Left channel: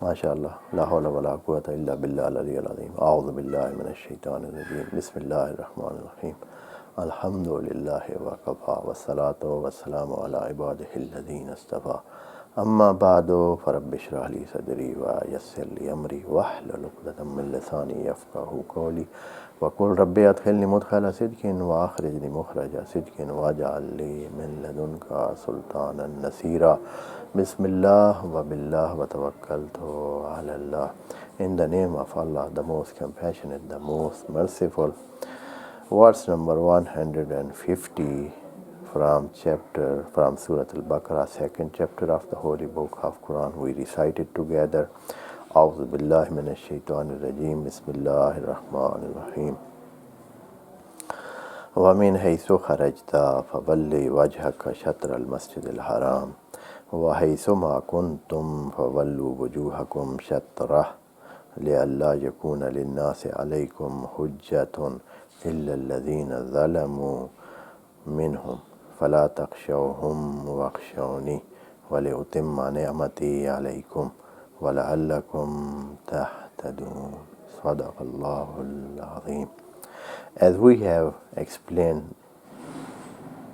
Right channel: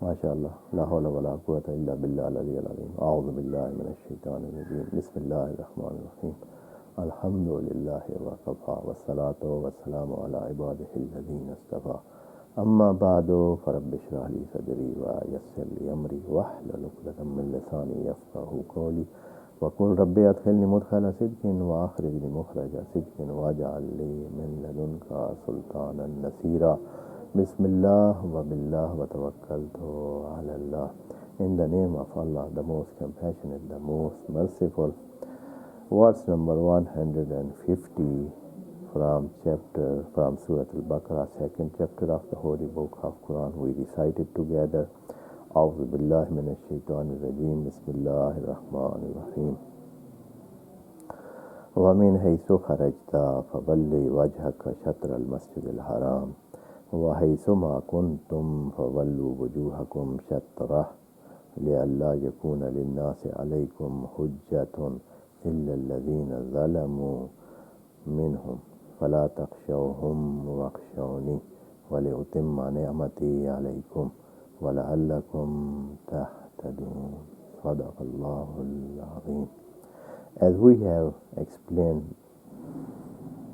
MashaAllah. La hawla wa la quwwata illa billah al-aliyyil azim. A'udhu billahi minash shaitanir rajim. Bismillahir rahmanir rahim. Alhamdulillahi wa kafa wa salatu wa salamu ala ibadihi alladhina istafa. Amma ba'du farabbi shrah li sadri wa yassir li amri wahlul 'uqdatam min lisani yafqahu qawli wa qul rabbi adkhilni mudkhala sidqin wa akhrijni mukhraja sidqin waj'al li min ladunka sultanan nasira. Bismillah wa billah wa tawakkaltu ala Allah. In the name of Allah, the most compassionate, the most merciful. Verse number 150 from Surah Al-Baqarah, second chapter of the Holy Book of Quran. We recite it together. A'udhu billahi minash shaitanir rajim. Bismillahir rahmanir rahim. وَمِنْ حَيْثُ خَرَجْتَ فَوَلِّ وَجْهَكَ شَطْرَ الْمَسْجِدِ الْحَرَامِ وَحَيْثُ مَا كُنْتُمْ فَوَلُّوا وُجُوهَكُمْ شَطْرَهُ لِئَلَّا يَكُونَ لِلنَّاسِ عَلَيْكُمْ حُجَّةٌ إِلَّا الَّذِينَ ظَلَمُوا مِنْهُمْ فَلَا تَخْشَوْهُمْ وَاخْشَوْنِي وَلِأُتِمَّ نِعْمَتِي عَلَيْكُمْ وَلَعَلَّكُمْ تَهْتَدُونَ. صدق الله العظيم. As we have explained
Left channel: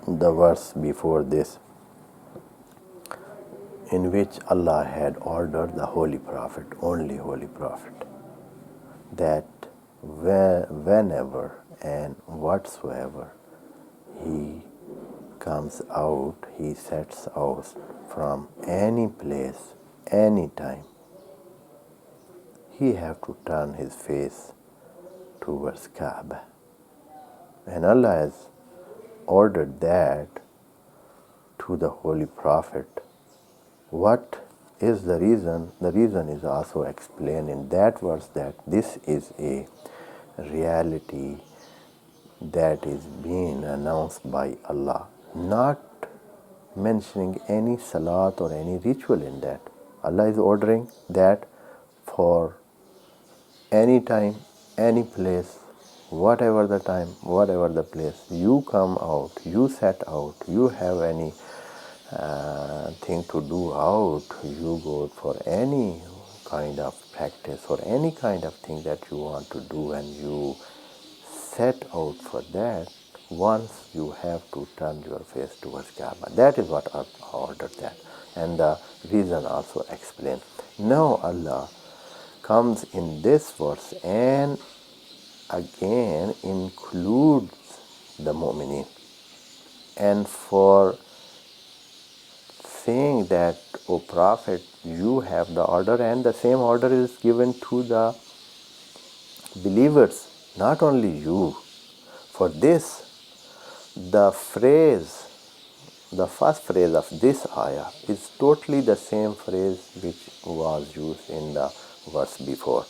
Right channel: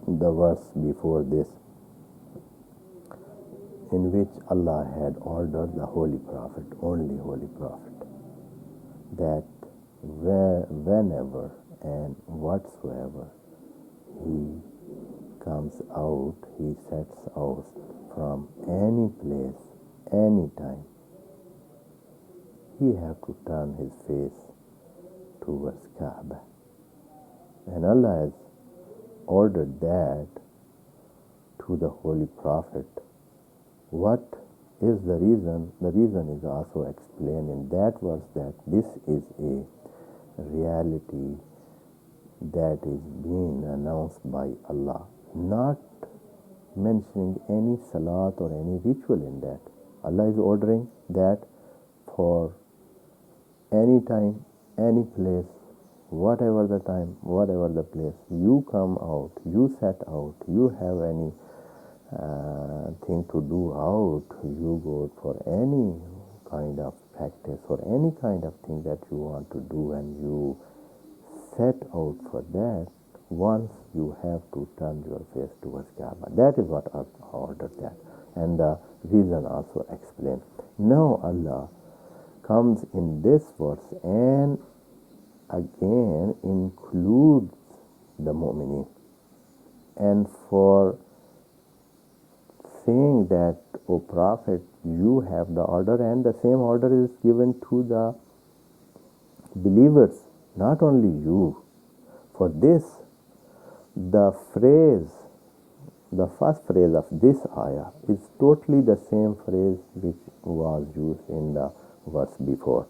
the verse before this, in which Allah had ordered the Holy Prophet, only Holy Prophet, that whenever and whatsoever he comes out, he sets out from any place, any time, he have to turn his face towards Kaba. And Allah has ordered that to the Holy Prophet. What is the reason? The reason is also explained in that verse, that this is a reality that is being announced by Allah, not mentioning any salat or any ritual in that. Allah is ordering that for any time, any place, whatever the time, whatever the place, you come out, you set out, you have any thing to do out, you go for any kind of practice or any kind of thing that you want to do, and you set out for that, once you have to turn your face towards Kaaba. That is what Allah ordered that. And the reason also explained. Now Allah comes in this verse and again includes the mu'mineen, and for saying that, O Prophet, you have the order, and the same order is given to the believers, not only you. For this, the first phrase of this ayah is totally the same phrase which was used in the verse before.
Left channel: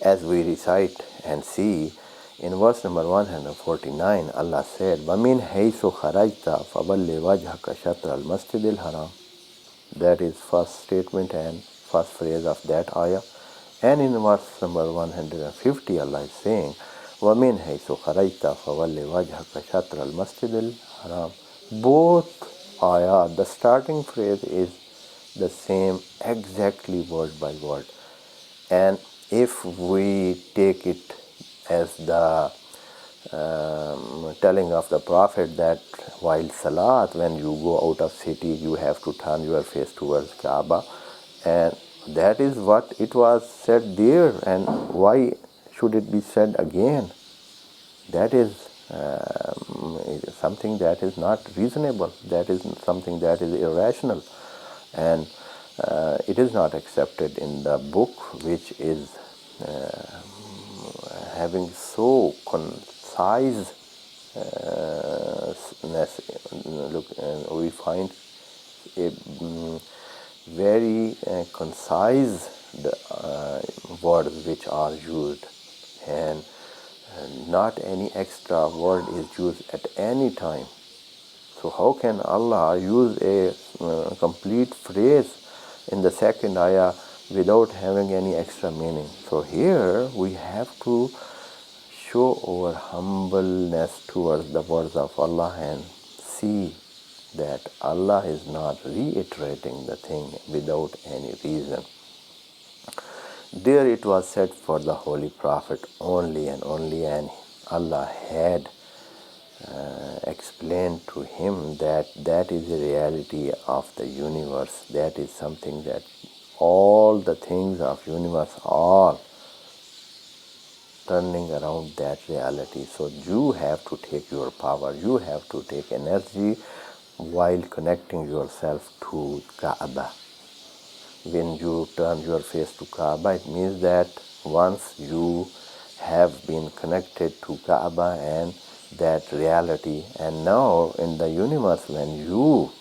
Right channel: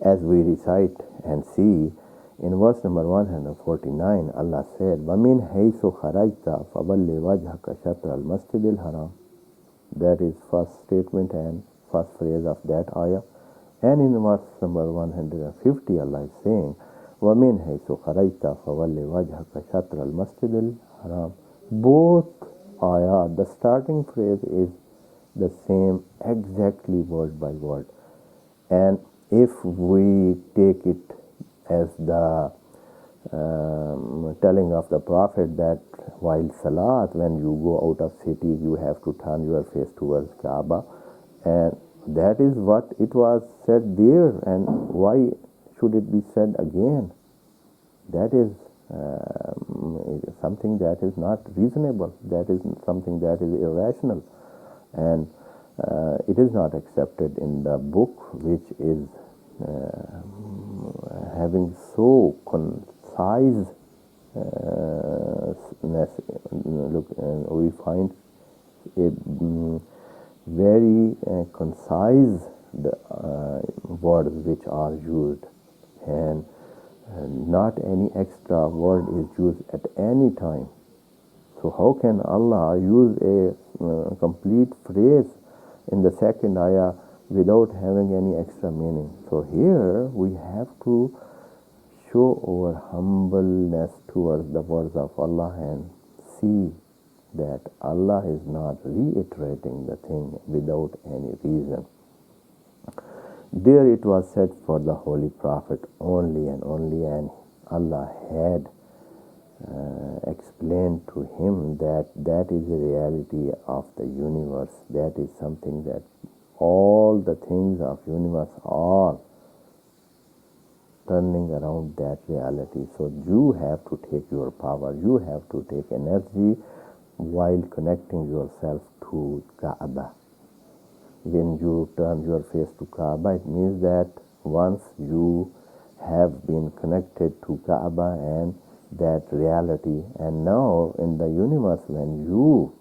As we recite and see, in verse number 149, Allah said, وَمِنْ حَيْثُ خَرَجْتَ فَوَلِّ وَجْهَكَ شَطْرَ الْمَسْجِدِ الْحَرَامِ. That is first statement and first phrase of that ayah. And in verse number 150, Allah is saying, وَمِنْ حَيْثُ خَرَجْتَ فَوَلِّ وَجْهَكَ شَطْرَ الْمَسْجِدِ الْحَرَامِ. Both ayah, the starting phrase is the same, exactly word by word. And if we take it as the telling of the Prophet that while Salat, when you go out of city, you have to turn your face towards Kaaba, and that is what it was said there, and why should it be said again? That is something that is not reasonable, that is something that is irrational, and it is not accepted in the book which is having so concise we find a very concise words which are used, and not any extra word is used at any time. So how can Allah use a complete phrase in the second ayah without having any extra meaning? So here we have to show our humbleness towards the words of Allah and see that Allah is not reiterating the thing without any reason. There it was said for the Holy Prophet only and only, and Allah had explained to him that that is the reality of the universe. That is something that all the things of universe are turning around that reality. So you have to take your power, you have to take energy while connecting yourself to Kaaba. When you turn your face to Kaaba, it means that once you have been connected to Kaaba and that reality, and now in the universe when you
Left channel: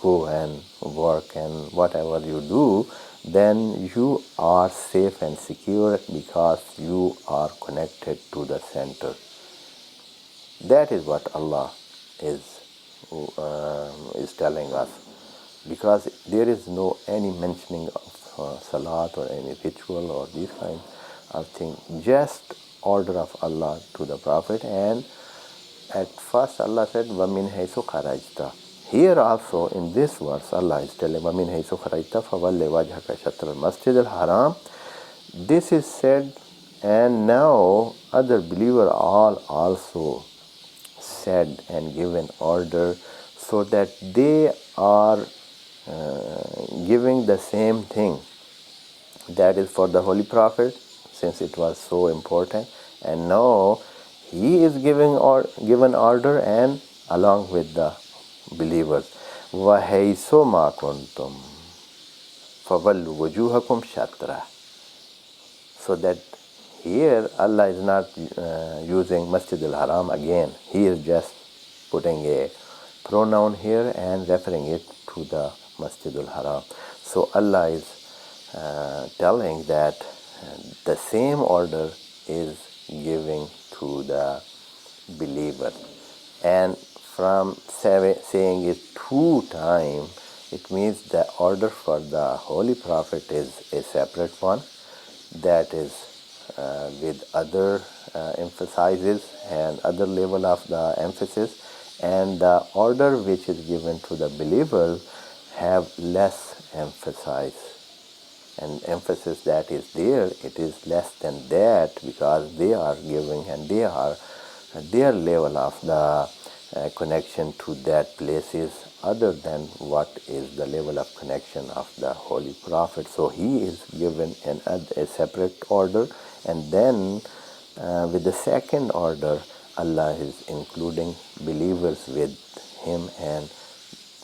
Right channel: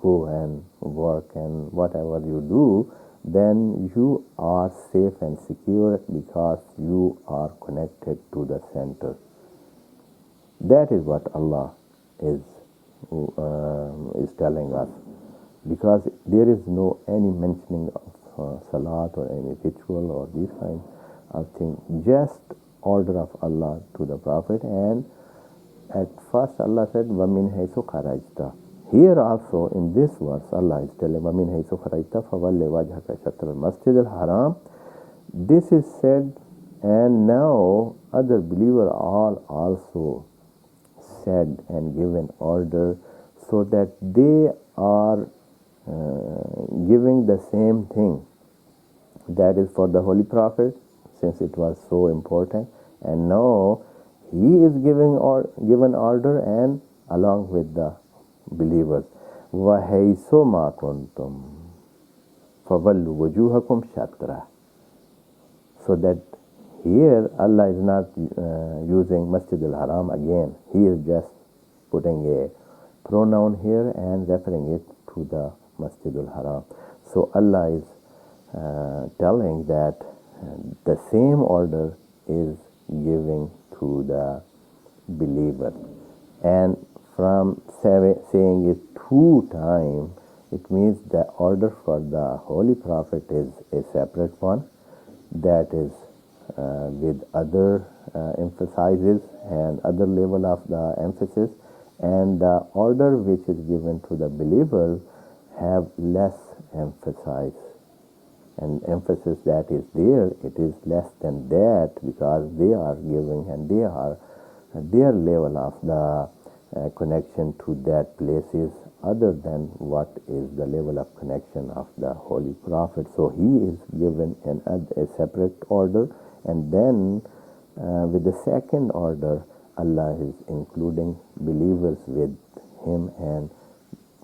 go and work and whatever you do, then you are safe and secure because you are connected to the center. That is what Allah is telling us, because there is no any mentioning of salat or any ritual or these kinds of things, just order of Allah to the Prophet. And at first Allah said, وَمِنْ حَيْثُ خَرَجْتَ. Here also in this verse Allah is telling, وَمِنْ حَيْثُ خَرَجْتَ فَوَلِّ وَجْهَكَ شَطْرَ الْمَسْجِدِ الْحَرَامِ. This is said, and now other believers all also said and given order, so that they are giving the same thing. That is for the Holy Prophet, since it was so important, and now he is given order, and along with the believers, وَحَيْثُ مَا كُنْتُمْ فَوَلُّوا وُجُوهَكُمْ شَطْرَهُ. So that here Allah is not using Masjid al-Haram again. He is just putting a pronoun here and referring it to the Masjid al-Haram. So Allah is telling that the same order is giving to the believer. And from saying it 2 times, it means the order for the Holy Prophet is a separate one, that is with other emphasizes and other level of the emphasis, and the order which is given to the believer have less emphasis, and emphasis that is there, it is less than that, because they are giving and they are their level of the connection to that place is other than what is the level of connection of the Holy Prophet. So he is given a separate order, and then with the second order Allah is including believers with him, and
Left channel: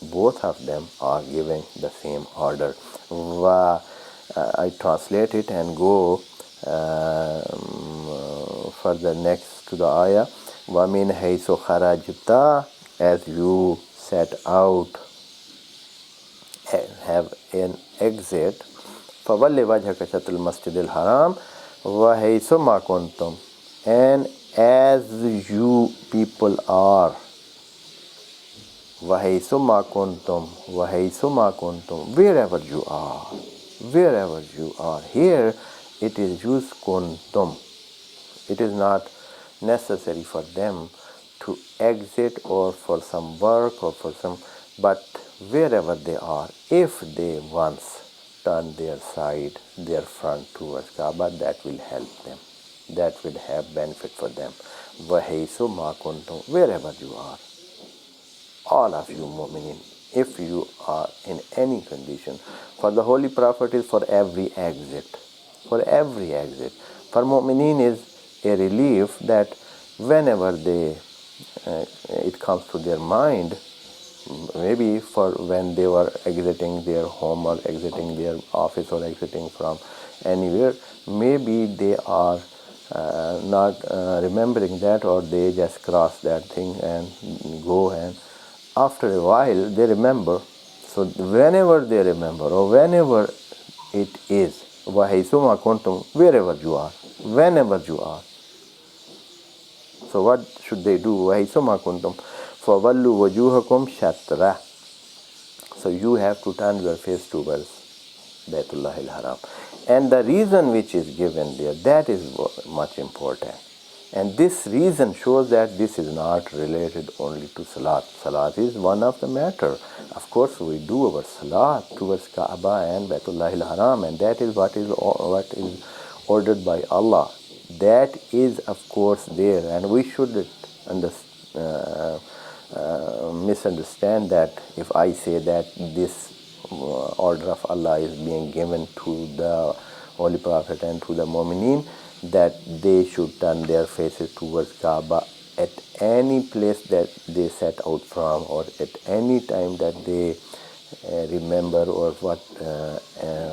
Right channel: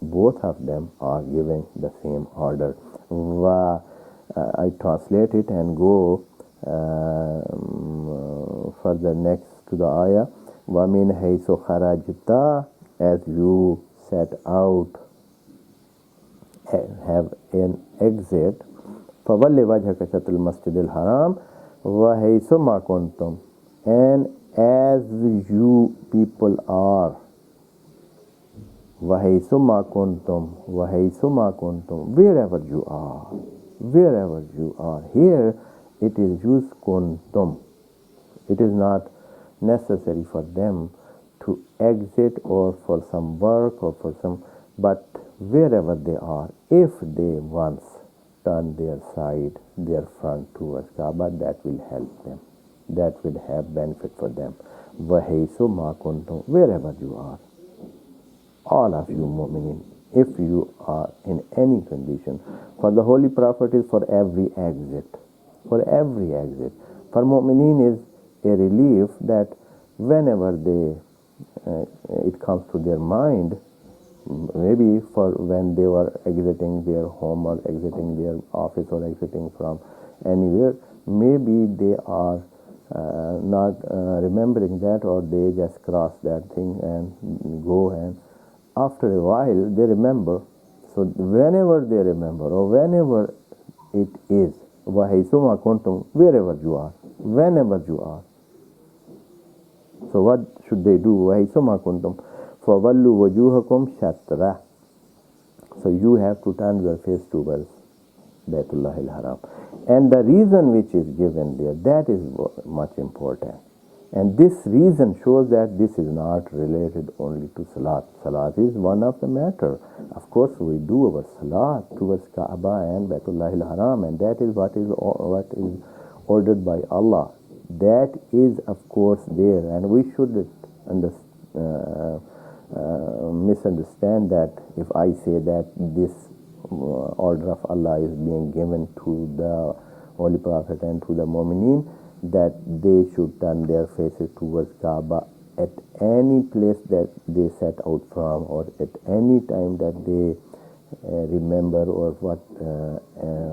both of them are giving the same order. I translate it and go further next to the ayah. وَمِنْ حَيْثُ خَرَجْتَ, as you set out, have an exit. فَوَلِّ وَجْهَكَ شَطْرَ الْمَسْجِدِ الْحَرَامِ وَحَيْثُ مَا كُنْتُمْ. And as you people are, وَحَيْثُ مَا كُنْتُمْ وَحَيْثُ مَا كُنْتُمْ, wherever you are, wherever you are. Here it is used kuntum. It is not necessary for them to exit or for some work or for some, but wherever they are, if they once turn their side, their front towards Kaaba, that will help them. That will have benefit for them. وَحَيْثُ مَا كُنْتُمْ, wherever you are. All of you mu'minin, if you are in any condition. For the Holy Prophet is for every exit. For every exit. For mu'minin is a relief that whenever it comes to their mind, maybe for when they were exiting their home or exiting their office or exiting from anywhere, maybe they are not remembering that, or they just cross that thing and go, and after a while they remember. So whenever they remember, or whenever it is, وَحَيْثُ مَا كُنْتُمْ, wherever you are, whenever you are. So what should they do? وَحَيْثُ مَا كُنْتُمْ فَوَلُّوا وَجُوهَكُمْ شَطْرَهُ. So you have to turn your face towards Baytullah al-Haram. And the reason which is given there, that is much important. And this reason shows that this is not related only to Salat. Salat is one of the matter. Of course, we do our Salat towards Kaaba and Baytullah al-Haram, and that is what is ordered by Allah. That is, of course, there, and we shouldn't misunderstand that if I say that this order of Allah is being given to the Holy Prophet and to the Mu'mineen, that they should turn their faces towards Kaaba at any place that they set out from, or at any time that they remember, or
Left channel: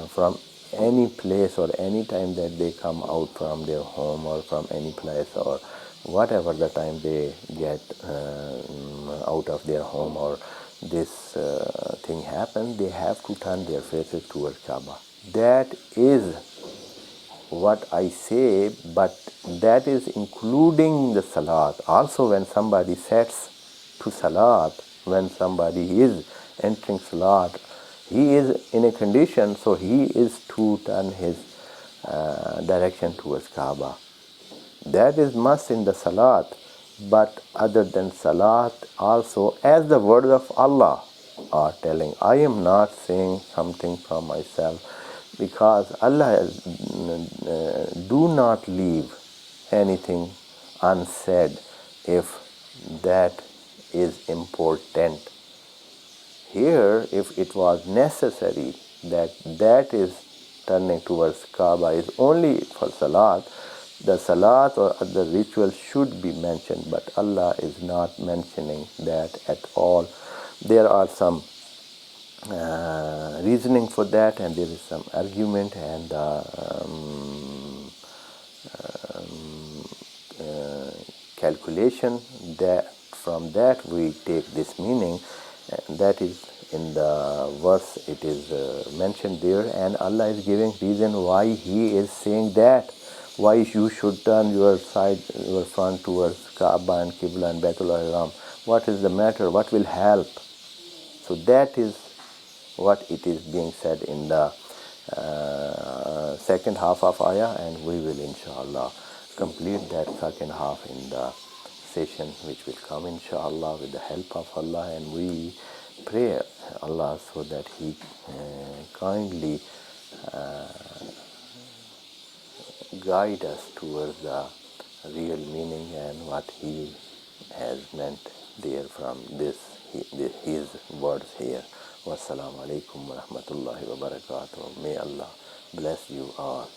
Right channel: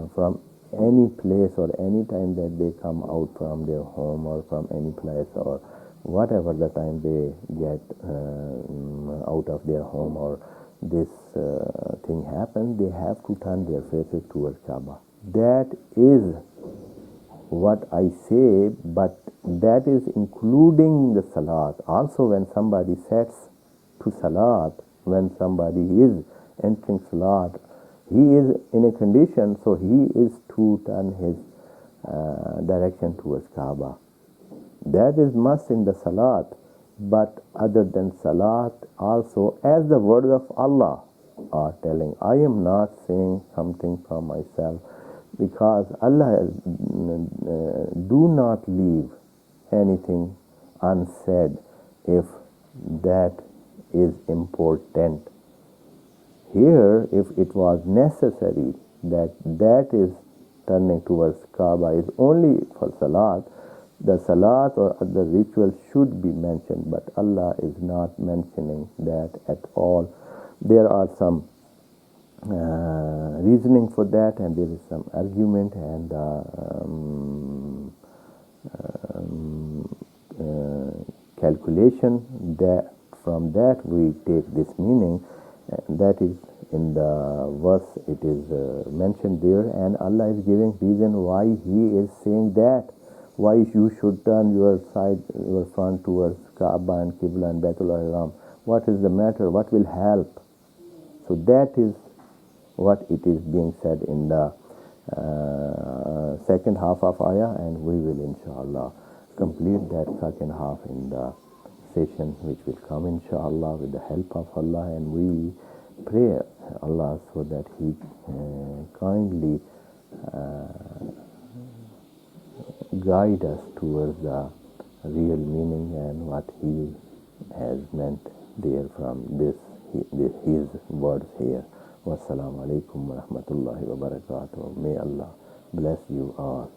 from any place or any time that they come out from their home or from any place, or whatever the time they get out of their home, or this thing happens, they have to turn their faces towards Kaaba. That is what I say, but that is including the Salat. Also, when somebody sets to Salat, when somebody is entering Salat, he is in a condition, so he is to turn his direction towards Kaaba. That is must in the Salat, but other than Salat also, as the words of Allah are telling, I am not saying something from myself, because Allah has, do not leave anything unsaid if that is important. Here, if it was necessary that is turning towards Kaaba is only for Salat, the Salat or other rituals should be mentioned, but Allah is not mentioning that at all. There are some reasoning for that, and there is some argument, and calculation, that from that we take this meaning, that is in the verse it is mentioned there, and Allah is giving reason why He is saying that, why you should turn your front towards Kaaba and Qibla and Baitul Haram. What is the matter? What will help? So that is what it is being said in the second half of ayah, and we will inshallah complete that second half in the session which will come inshallah with the help of Allah, and we pray Allah so that He kindly guide us towards the real meaning and what He has meant there from His words here. Wassalamu alaikum wa rahmatullahi wa barakatuh. May Allah bless you all.